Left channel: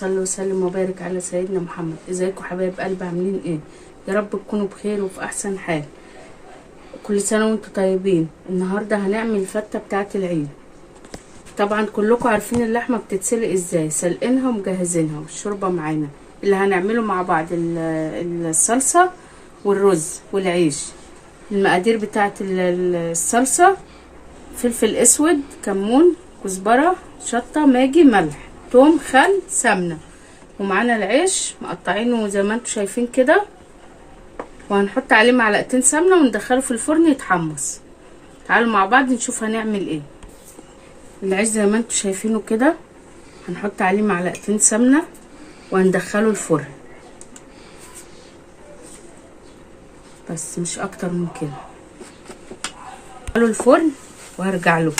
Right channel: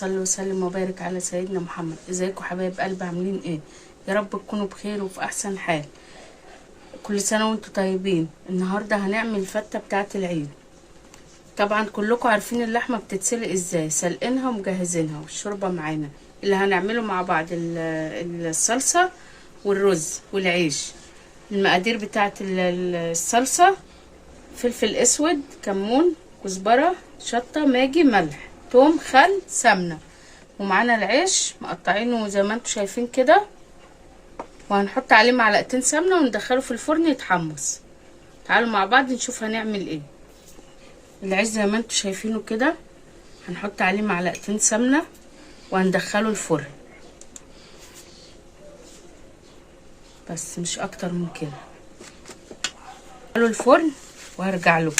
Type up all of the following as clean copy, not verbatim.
صل وسلم وبارك على سيدنا محمد. ازيكم حبايب قلبي، عاملين ايه؟ يا رب تكونوا بخير وفي احسن حال. كل سنه وانتم طيبين. النهارده هنعمل الفته بتاعه العيد. طبعا كلكم عارفين اللحمه بتتسلق ازاي، سلقينها ومجهزينها، والشوربه معانا. اللي هنعمله مع بعض الصلصه والرز والعيش. المقادير بتاعه الصلصه: فلفل اسود، كمون، كزبره، شطه، ماجي، ملح، توم، خل، سمنه. ومعانا العيش مقطعينه زي ما انتم شايفين كده، وهنحط عليه معلقتين سمنه وندخله في الفرن يتحمص. تعالوا مع بعض نشوف هنعمل ايه. العيش زي ما انتم شايفينه كده، هنحط عليه معلقتين سمنه وهندخله الفرن، بس مش اكتر من كده. ندخله الفرن وهرجع له.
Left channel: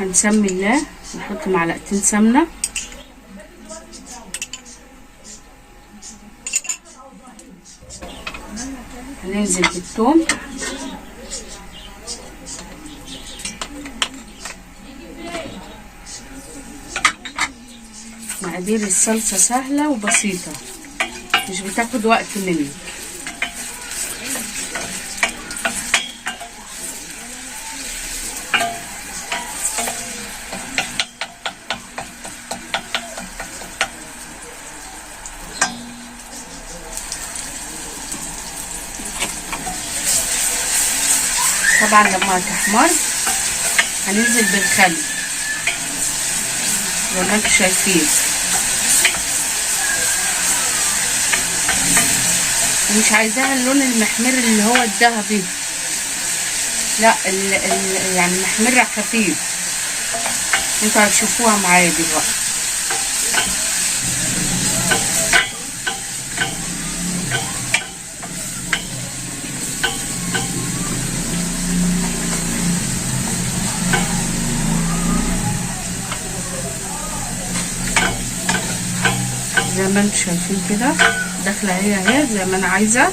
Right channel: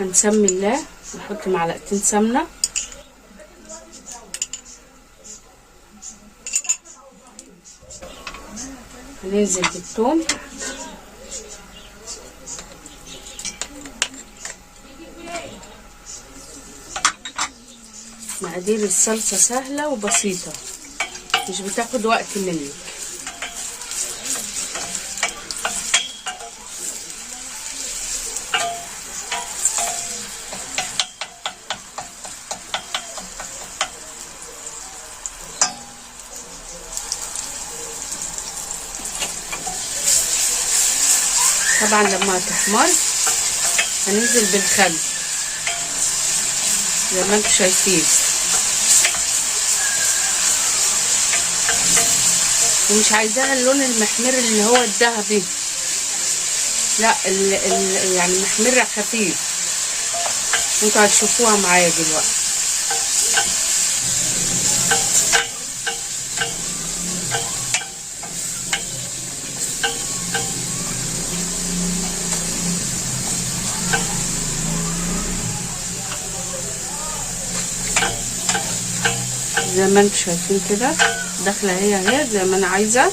هنسمي الله، نحط معلقتين سمنه، هننزل بالثوم، مقادير الصلصه سهله وبسيطه، مش بتاخد وقت منك. طبعا لما هتحمر هننزل بالخل زي ما انتم شايفين، ومش عايزاها اللون المحمر اللي هو الذهبي، لا يعني محمرة خفيف. انتوا هتشوفوها معايا دلوقتي. زي ما انتم شايفين كده داخله هي زي ما انا عايزه.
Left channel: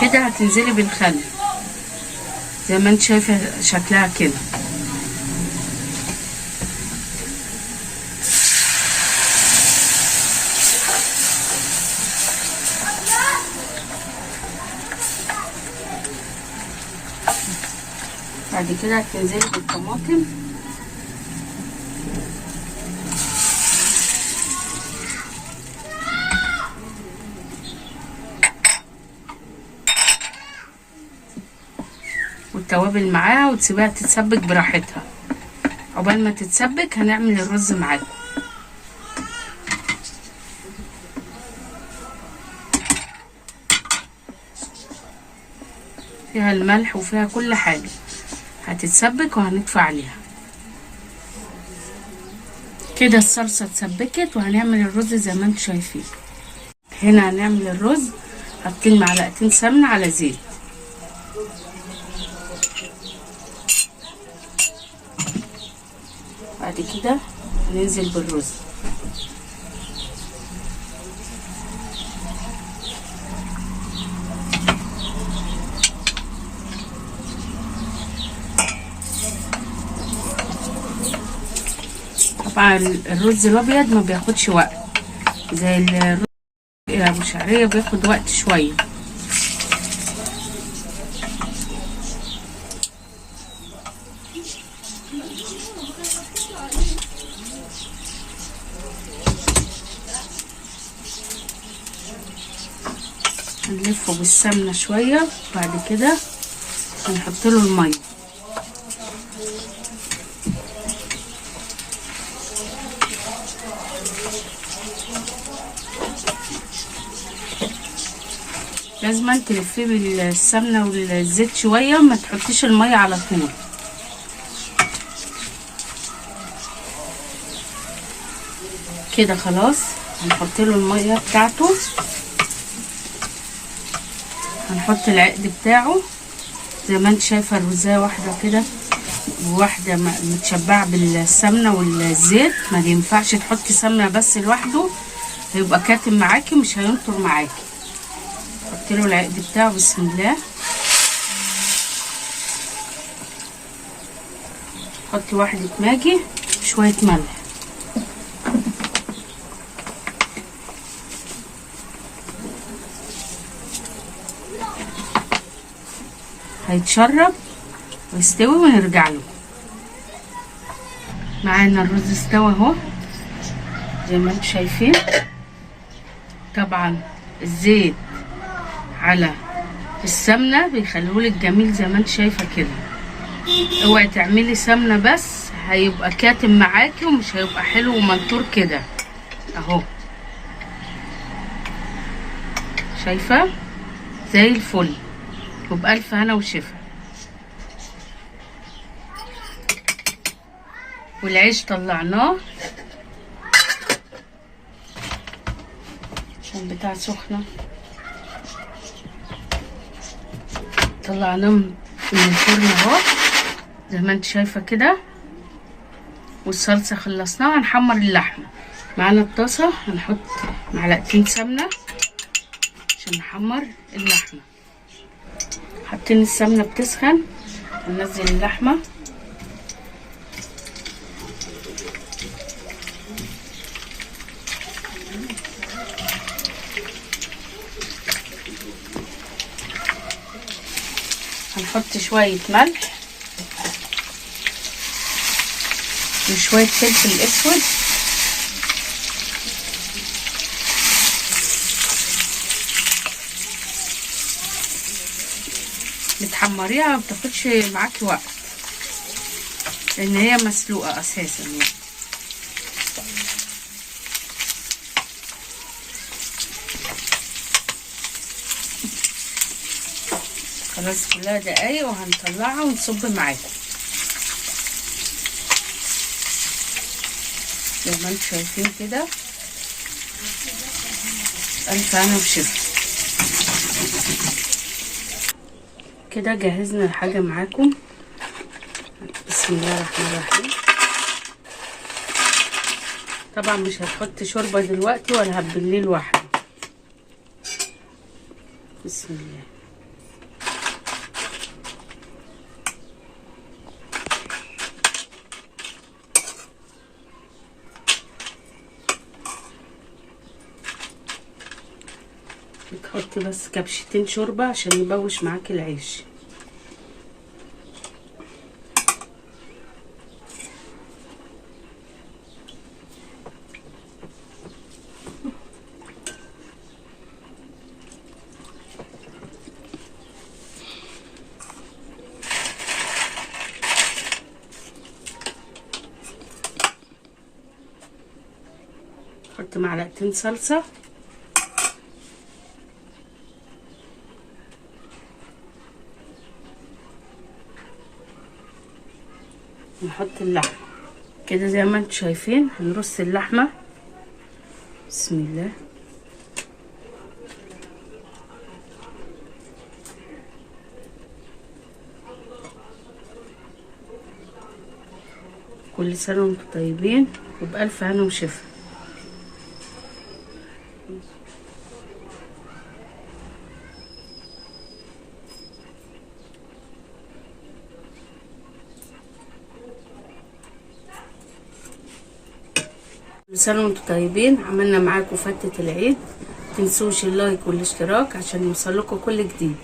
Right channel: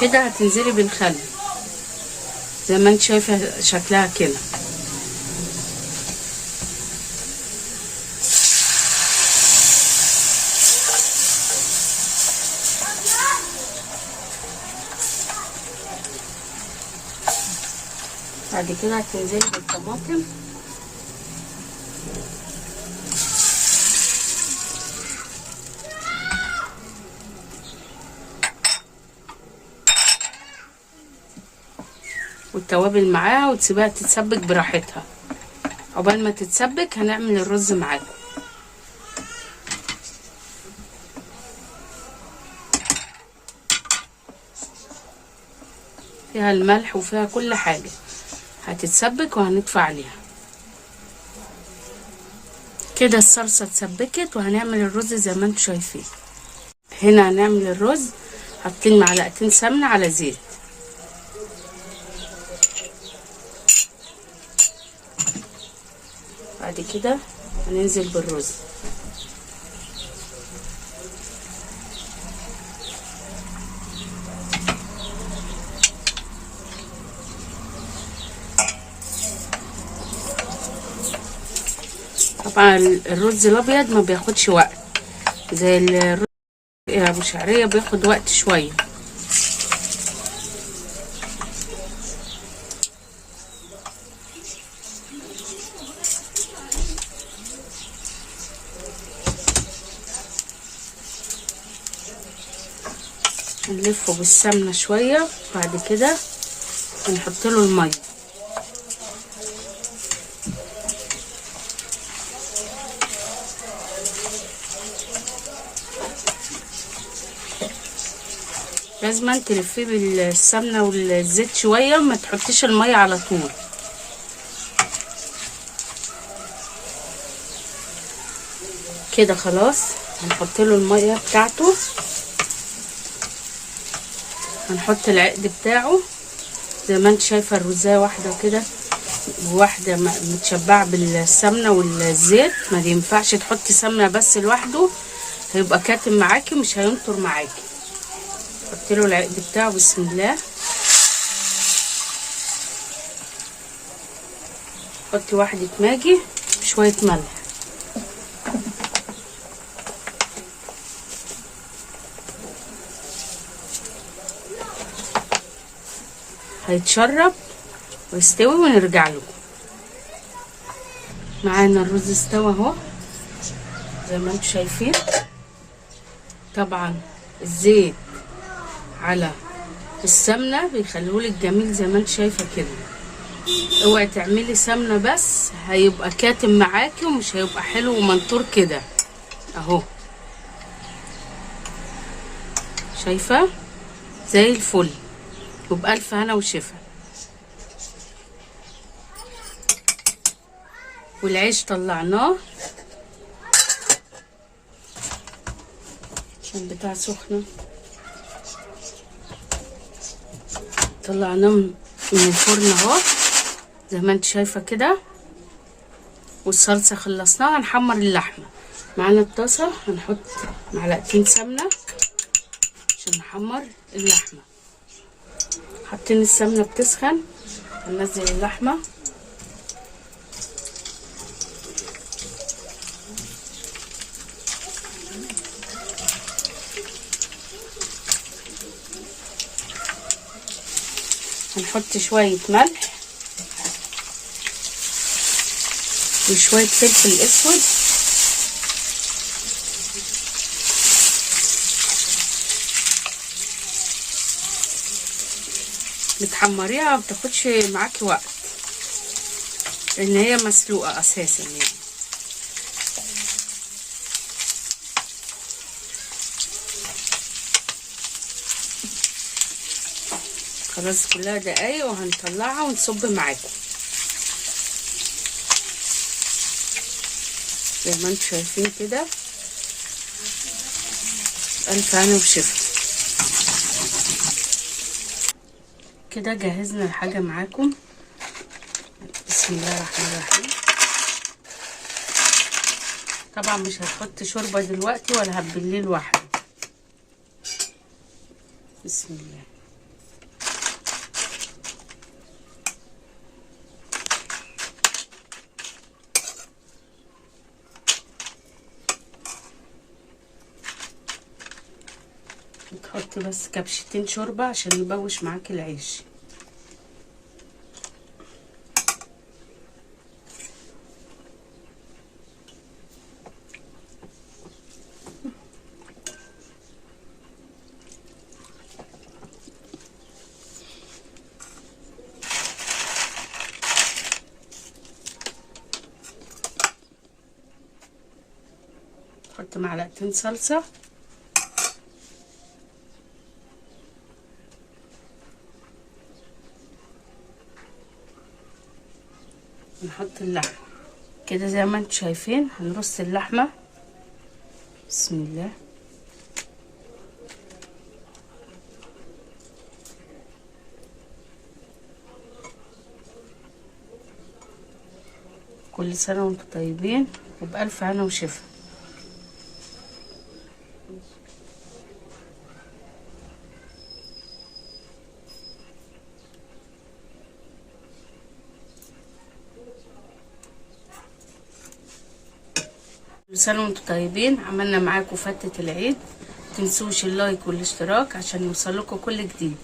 كده هتنزلي بالخل زي ما انت شايفه شكلها كده. بعد كده هتنزلي بالطماطم، والتوابل معاها، وتسيبها تتسبك براحتها. عقبال ما تتسبك هنعمل الرز معاكم. فيها الملح وفيها كل حاجه، هتتسبك وهنطفي عليها. كده الصلصه اتسبكت وهنعمل الرز زي ما انتم شايفين. هنا هنعمل الرز، حاطين معلقتين سمنه على زيت. بعد كده هننزل بالرز. طبعا الرز الابيض ما بياخدش وقت زي الرز ابو شعريه، بياخد وقت شويه. هنلفه بالسمنه شويه، بعد كده هنحط له الميه. لازم تلفيه بالسمنه والزيت شويه، وما تحطيش الميه على طول. كده خلاص هنحط له الميه بتاعته، هنحط العقد بتاعه زي ما انت شايفه. الرزايه واحده كده وواحدة متشبعة بالسمنة والزيت. ما ينفعش تحطي سمنة بس لوحده، هيبقى كاتم معاكي مش هينطر معاكي. حطي له العقد بتاعه. بسم الله. حطي واحدة ماجي شوية ملح. هيتشرب ويستوي ونرجع له. معانا الرز استوى اهو زي ما انتم شايفين. طبعا الزيت على السمنه بيخليهولك جميل زي ما انت شايفه كده. اوعي تعملي سمنه بس، هيبقى كاتم معاكي ومش هيبقى حلو ومنطور كده اهو. شايفه زي الفل. وبألف هنا وشفا. والعيش طلعناه عشان بتاع سخنه. طلعناه من الفرن اهو زي ما انت شايفه كده. والصلصه خلصناها. هنحمر اللحمه. معانا الطاسه هنحط معلقتين سمنه عشان نحمر اللحمه. حاطين السمنه بتسخن. هننزل اللحمه. هنحط شويه ملح وشويه فلفل اسود. بتحمريها ومتاخدش معاكي وقت لان هي مسلوقه اساسا يعني. خلاص كلها دقايق وهنطلعها ونصب معاكم زي ما انتم شايفين كده. الف هنا وشفا. كده جهزنا الحاجه معاكم. بسم الله الرحمن الرحيم. طبعا مش هتحط شوربه دلوقتي ولا هتبليه لوحده. بسم الله. بتحطي بس كبشتين شوربه عشان يبوش معاكي العيش. حط معلقتين صلصه. نحط اللحمه كده زي ما انتم شايفين. هنرص اللحمه. بسم الله. كل سنه وانتم طيبين وبألف هنا وشفا. كل سنه وانتم طيبين. عملنا معاكم فتة العيد. متنسوش اللايك والاشتراك عشان يوصلكوا كل جديد.